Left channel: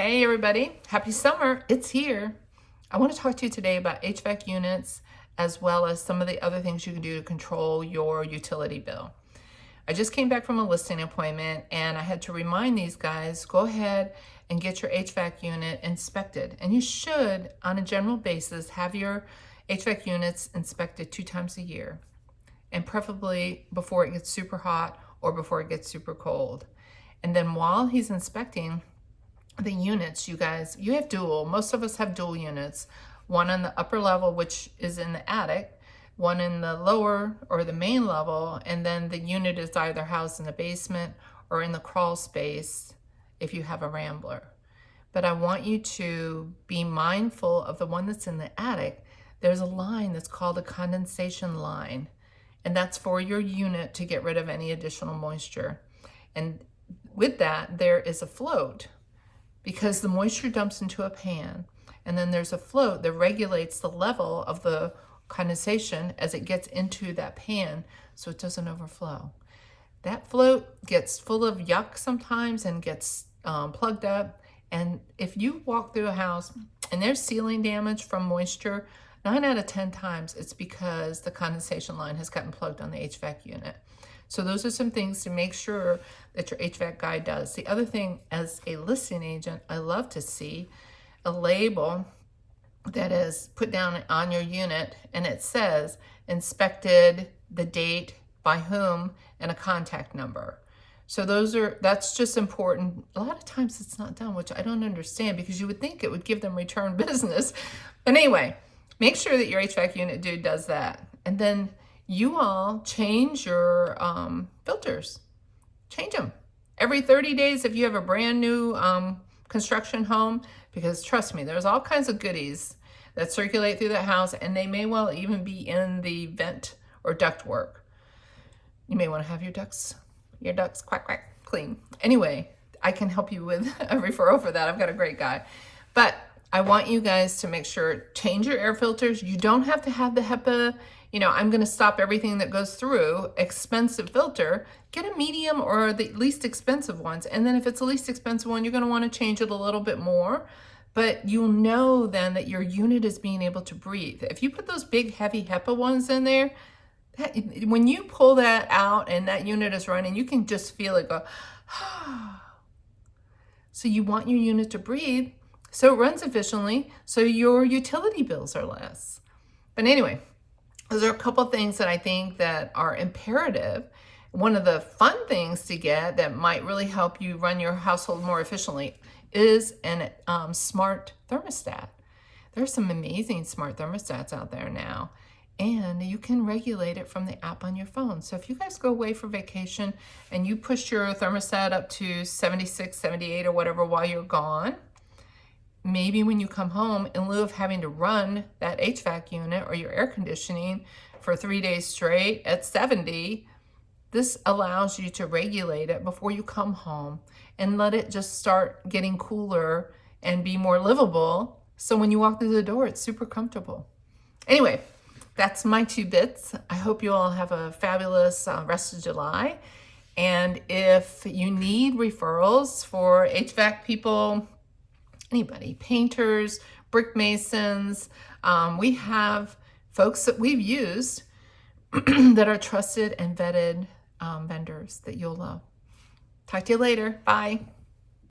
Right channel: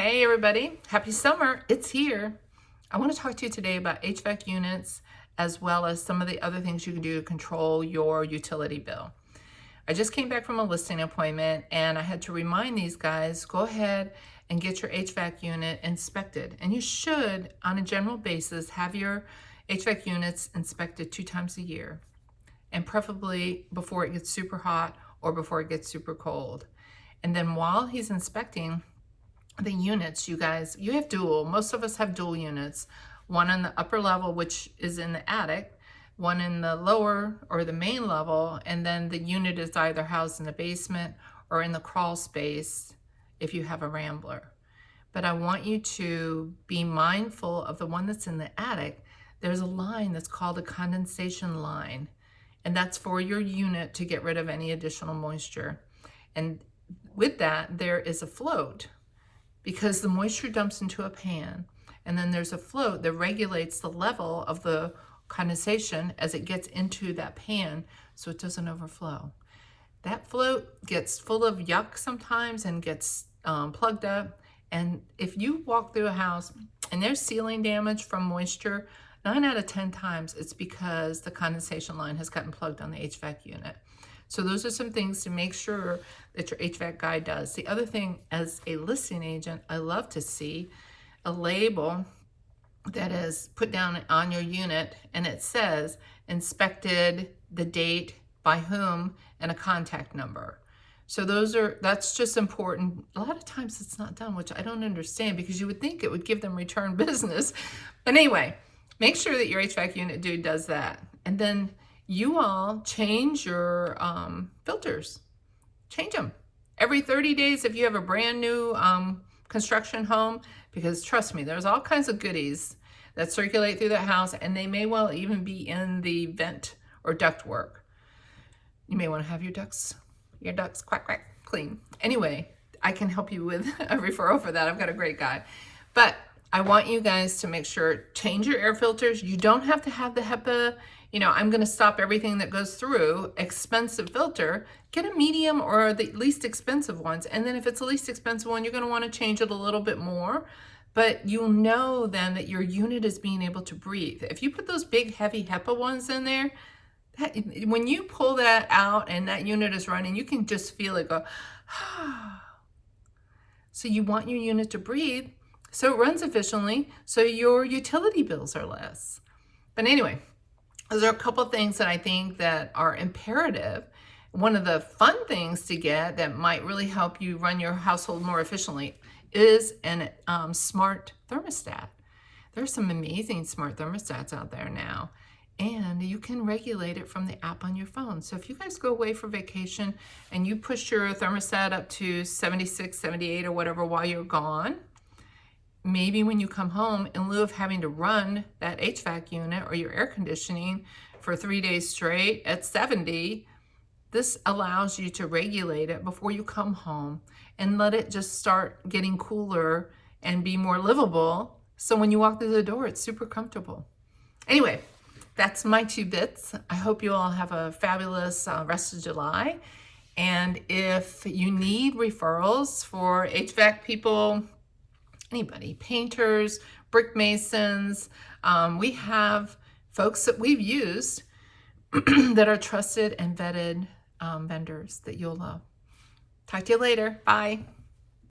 Hey everybody, happy summer, it's here. I want to talk to you today about HVAC units as well as some of the other things you can do to control your utility bill. I just came back from a listing appointment and I had to remind these guys, go ahead and get your HVAC unit inspected. And you should, on a general basis, have your HVAC units inspected 2 times a year, and preferably before it gets super hot or before it gets super cold. And then while he's inspecting the units, you guys, you have dual. Most of us have dual units. One on the upper level, which is in the attic, one in the lower or the main level, and then the unit is either housed in the basement or in the crawl space if you have a rambler. But I want you to be mindful of the one that's in the attic. There's a line that's called a condensation line, and that's for your unit to get rid of any additional moisture. And with that, there is a float, because the moisture dumps into a pan, and then there's a float that regulates the level of the condensation as it gets into that pan so it doesn't overflow. That float gets full of yuck sometimes and gets plugged up, and if you walk through a house and there's ceiling damage from moisture, 9 out of 10 times it's because the condensation line has gotten plugged on the HVAC unit. So those are some things to make sure that your HVAC guy does. The other thing, as a listing agent, I love to see a label that is put down on your unit, and it says inspected, the date, by whom, and a contact number. So that's just important. A lot of times it's not done, which I don't understand, because you would think it would give them return business. But anyway, make sure that your HVAC unit dude does that. And then you all change your filters. Change them every 30 days if you have a brand new construction home, because trust me, there's all kinds of goodies that circulate through the house, and they may well even be in the vent or duct work. You may want to have your ducts quack quack clean. Anyway, I can help you with a referral for that. I've got a great guy. But I want you guys to make sure, change your air filters. You don't have to have the HEPA, I'm going to stop everything that goes through expensive filter. Get a medium or the least expensive ones. And then if it's the least expensive one, you're going to want to change it a little bit more. But you'll know then that your unit is being able to breathe. If you put those big heavy HEPA ones in there, when you pull that out and that unit is running, you can just feel it go, So you want your unit to breathe so it runs efficiently, so your utility bills are less. But anyway, those are a couple of things that I think that are imperative. One of the fun things to get that might really help you run your household more efficiently is an smart thermostat. There's some amazing smart thermostats out there now, and you can regulate it from the app on your phone. So if you guys go away for vacation and you push your thermostat up to 76, 78 or whatever while you're gone, maybe when you come home, in lieu of having to run that HVAC unit or your air conditioning for 3 days straight at 70, this allows you to regulate it before you come home and let it just start getting cooler and be more livable. So when you walk through the door, it's super comfortable. Anyway, that's my 2 bits. I hope you all have a fabulous rest of July. And if you need referrals for HVAC people, anybody, painters, brick masons, we have folks that we've used that are trusted and vetted vendors that you'll love. Talk to you later. Bye.